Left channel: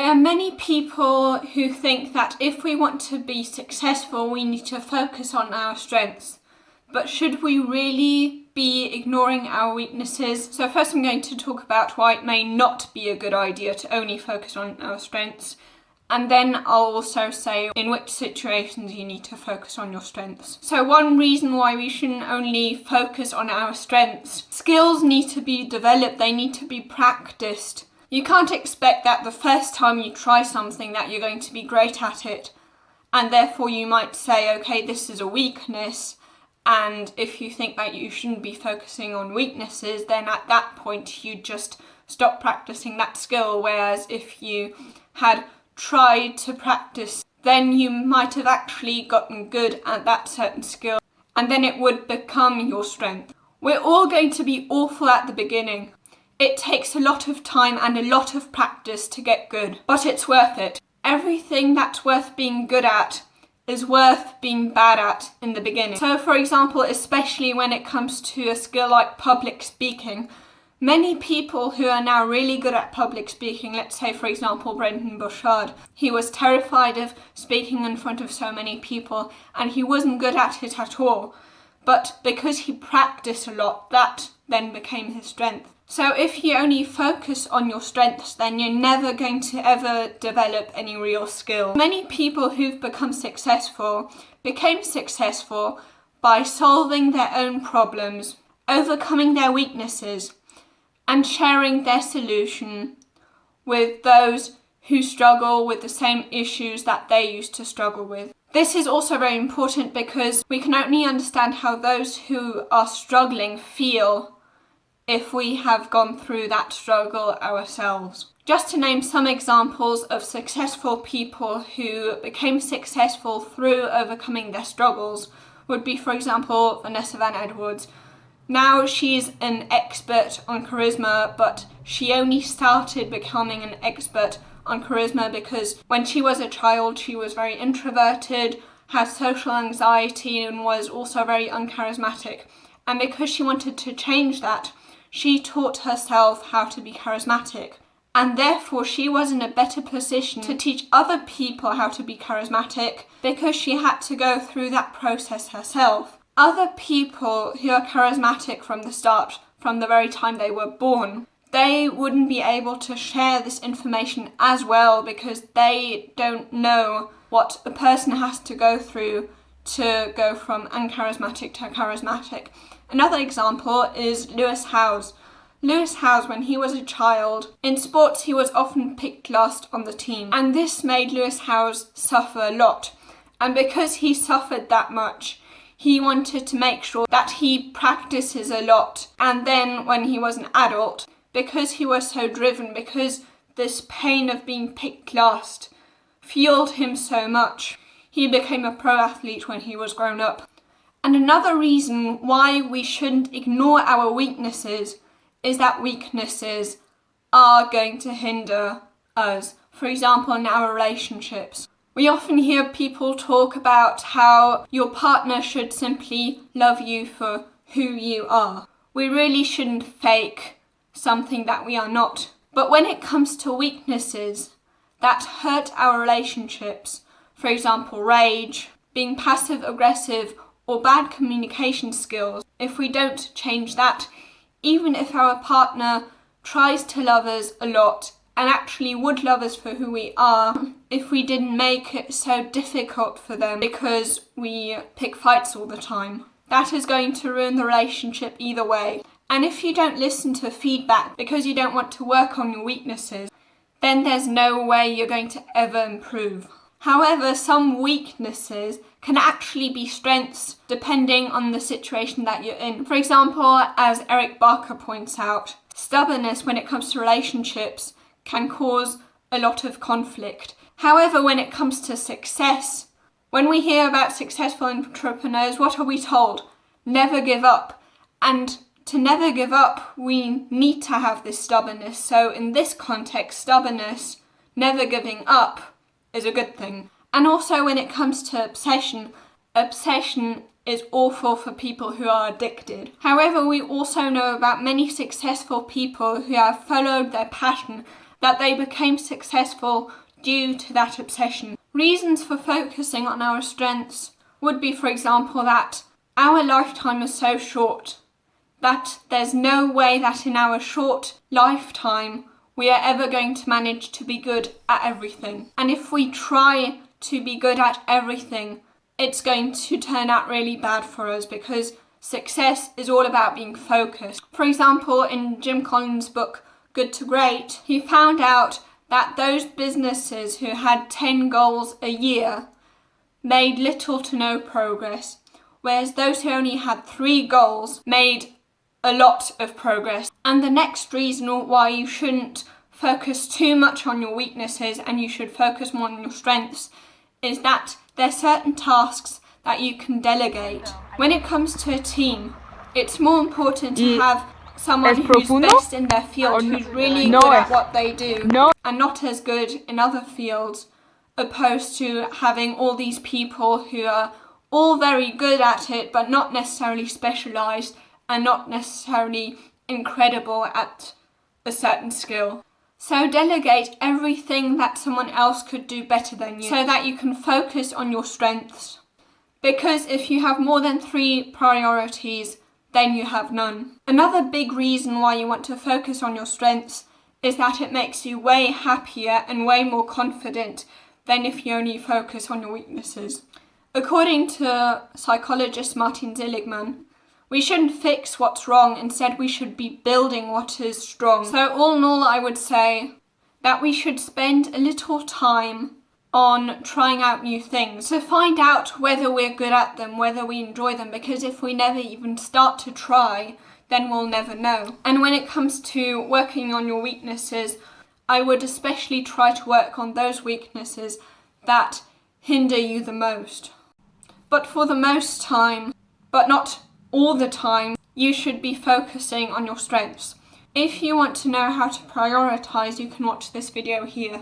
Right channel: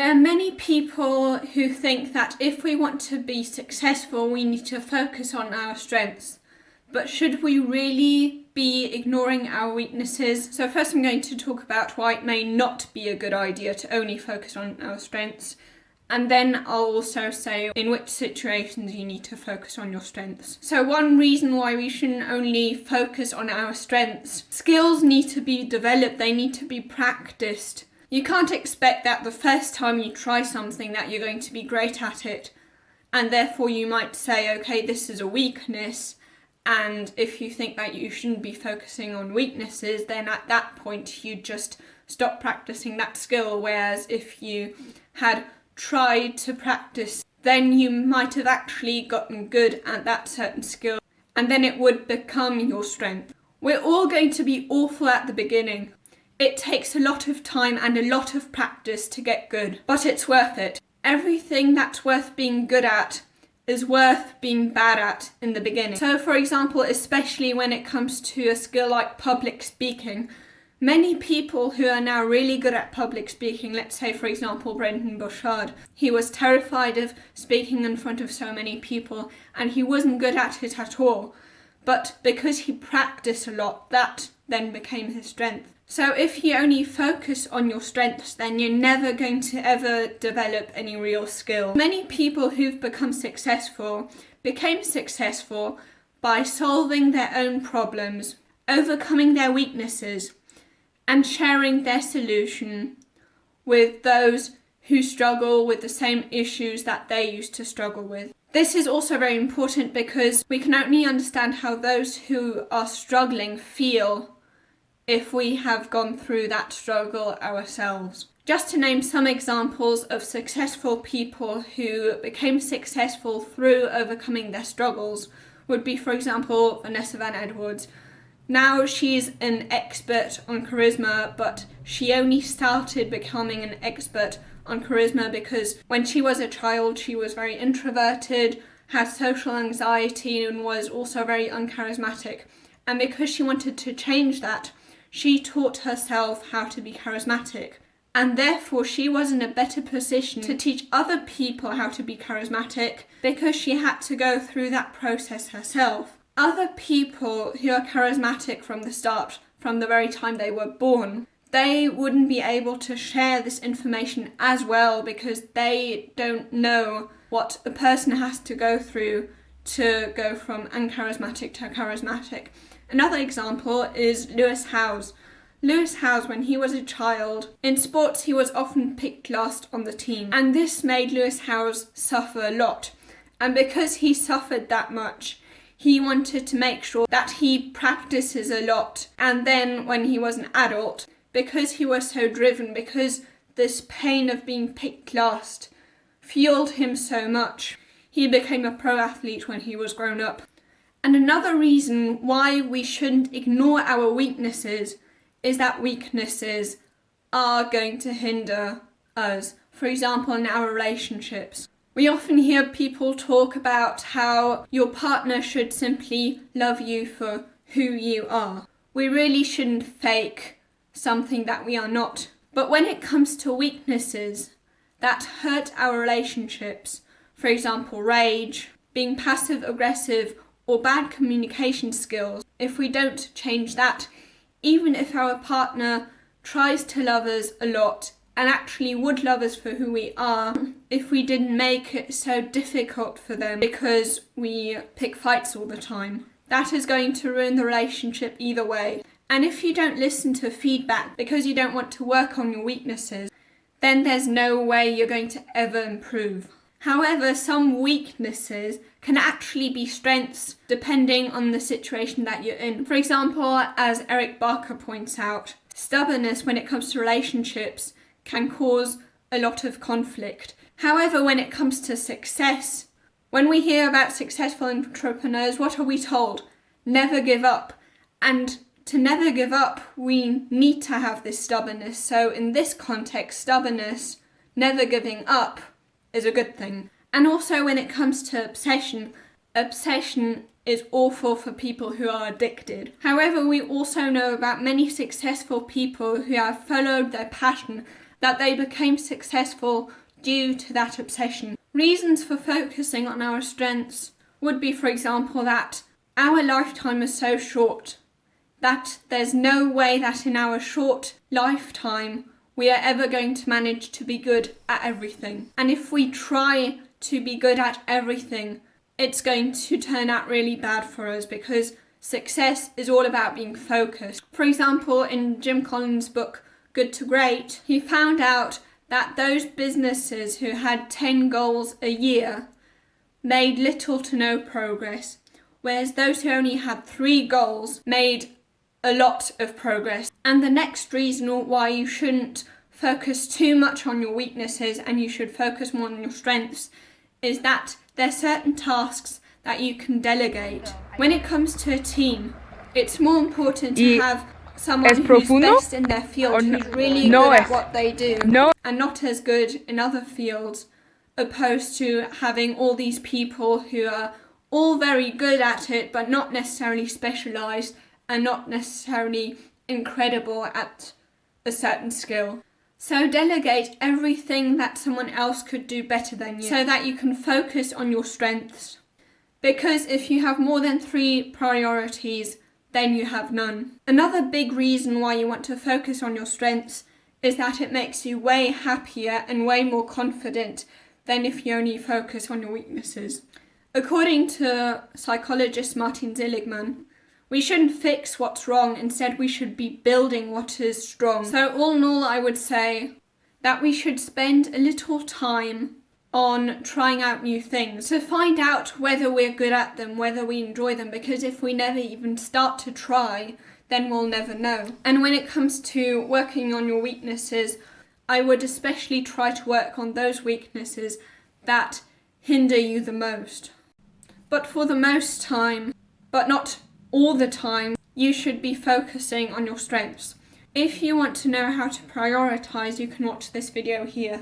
There are many people who think that if we want to be successful, we need to focus on our strengths. But should we really be ignoring our weaknesses? So first I'm going to talk about why it may not be a good idea to only focus on our strengths. And then I'll also say in which situations you need to focus on your strengths. So one reason why we shouldn't only focus on our strengths, skills need to be developed, they need to be practiced. You can't expect that the first time you try something that you're going to be great at it, and therefore you might say, okay, this is a weakness, and if you think that you shouldn't be focusing on weaknesses, then at that point you just stop practicing that skill, whereas if you had tried to practice, then you might have actually gotten good at that certain skill, and then it would become your strength. We're all going to be awful at the beginning. It takes a lot of time and a lot of practice to get good, but it's worth it. Everything that's worth being good at is worth being bad at in the beginning. So for example, especially when it comes to a skill like public speaking, many people who are now really good at public speaking, let's say for example Brendan Bouchard, he was terrified of speaking in front of so many people and he wasn't good at it at all. But because he practiced a lot, that then became his strength. So if you only focus on your strengths, then you're never going to ever develop any real skill. Many people who've became successful by solving their own problems, overcoming their weaknesses, and sharing their solution with those who struggle with the same issues that they used to struggle with. This is also very important because we can only understand how those who are struggling feel if we have gone through that struggle ourselves. Just to name some examples of successful people who became successful through overcoming their struggles would be, for example, Vanessa Van Edwards. Now she's an expert on charisma, but she only started becoming an expert on charisma because when she was a child she was very introverted, had social anxiety and was also very uncharismatic. And because she wanted to change that, she taught herself how to be charismatic. And therefore she was in a better position to teach other people how to be charismatic because she had to go through that process herself. Other people who are charismatic from the start, from the very time they were born, they wouldn't be able to share this information as well because they don't know what a person has to go through to go from uncharismatic to charismatic. Another example is Lewis Howes. Lewis Howes, when he was a child, in sports he was often picked last on the team, and this made Lewis Howes suffer a lot. And because he suffered that much, he wanted to make sure that he practices a lot. And then when he was an adult, because he was so driven, because this pain of being picked last fueled him so much, he became a pro athlete when he was grown up. And another reason why we shouldn't ignore our weaknesses is that weaknesses are going to hinder us. For example, in our relationships. We often hear people talk about how your partner should simply love you for who you are. We really shouldn't fake something that we are not. But when it comes to weaknesses that hurt our relationships, for example, rage, being passive aggressive, or bad communication skills, if we don't change that, even if our partner tries to love us a lot and actually would love us for who we are, if we didn't make it so difficult for them because we pick fights all the time, that is going to ruin the relationship either way. And if you don't listen to feedback because you don't want to work on your weaknesses, then there's no way you're going to ever improve. However, some weaknesses can actually be strengths depending on the situation that you're in. For example, as Eric Barker points out, stubbornness when it comes to relationships can cause a lot of conflict. However, when it comes to success, when we hear about successful entrepreneurs, what are we told? Never give up. And to never give up, we need to have this stubbornness. So in this context, stubbornness, never giving up, is a good thing. And also when it comes to obsession is awful for people who are addicted. However, we also know about many successful people who have followed their passion that they became successful due to that obsession. Reasons for focusing on our strengths would be, for example, that our lifetime is so short that there's no way that in our short lifetime we are ever going to manage to be good at everything. And if we try to be good at everything, it's going to turn out really bad for us, because success is all about being focused. For example, in Jim Collins' book, Good to Great, he found out that those businesses who had 10 goals a year made little to no progress, whereas those who only had 3 goals made a lot of progress. And the next reason why you shouldn't focus too much on your weaknesses and you should focus more on your strengths is that there's certain tasks that you can delegate. When it comes to a team, it's more important to have someone who's best in their field, who's really good at what they do, and not as good in other fields, opposed to having all these people who are all very good at it but not necessarily specialised and not necessarily incredible at a certain skill. So delegate everything that someone else could do better than you so that you can focus on your strengths. Because if you have more than 3 priorities, then you have none. Another big reason why you want to focus on your strengths is that it makes you way happier and way more confident than if you only focus on your weaknesses. According to psychologist Martin Seligman, we shouldn't fix what's wrong, instead we should be building what is strong. So all in all, I would say that we should spend a little time on trying out new things to find out whether we're good at them, whether we enjoy them, because if we never even start to try, then we'll never know. And when it comes to working on your weaknesses, I would especially try to work on those weaknesses that hinder you the most. But for the most time, but not all the time, you should be focusing on your strengths. If you want to know how to prioritize, you can watch this video here.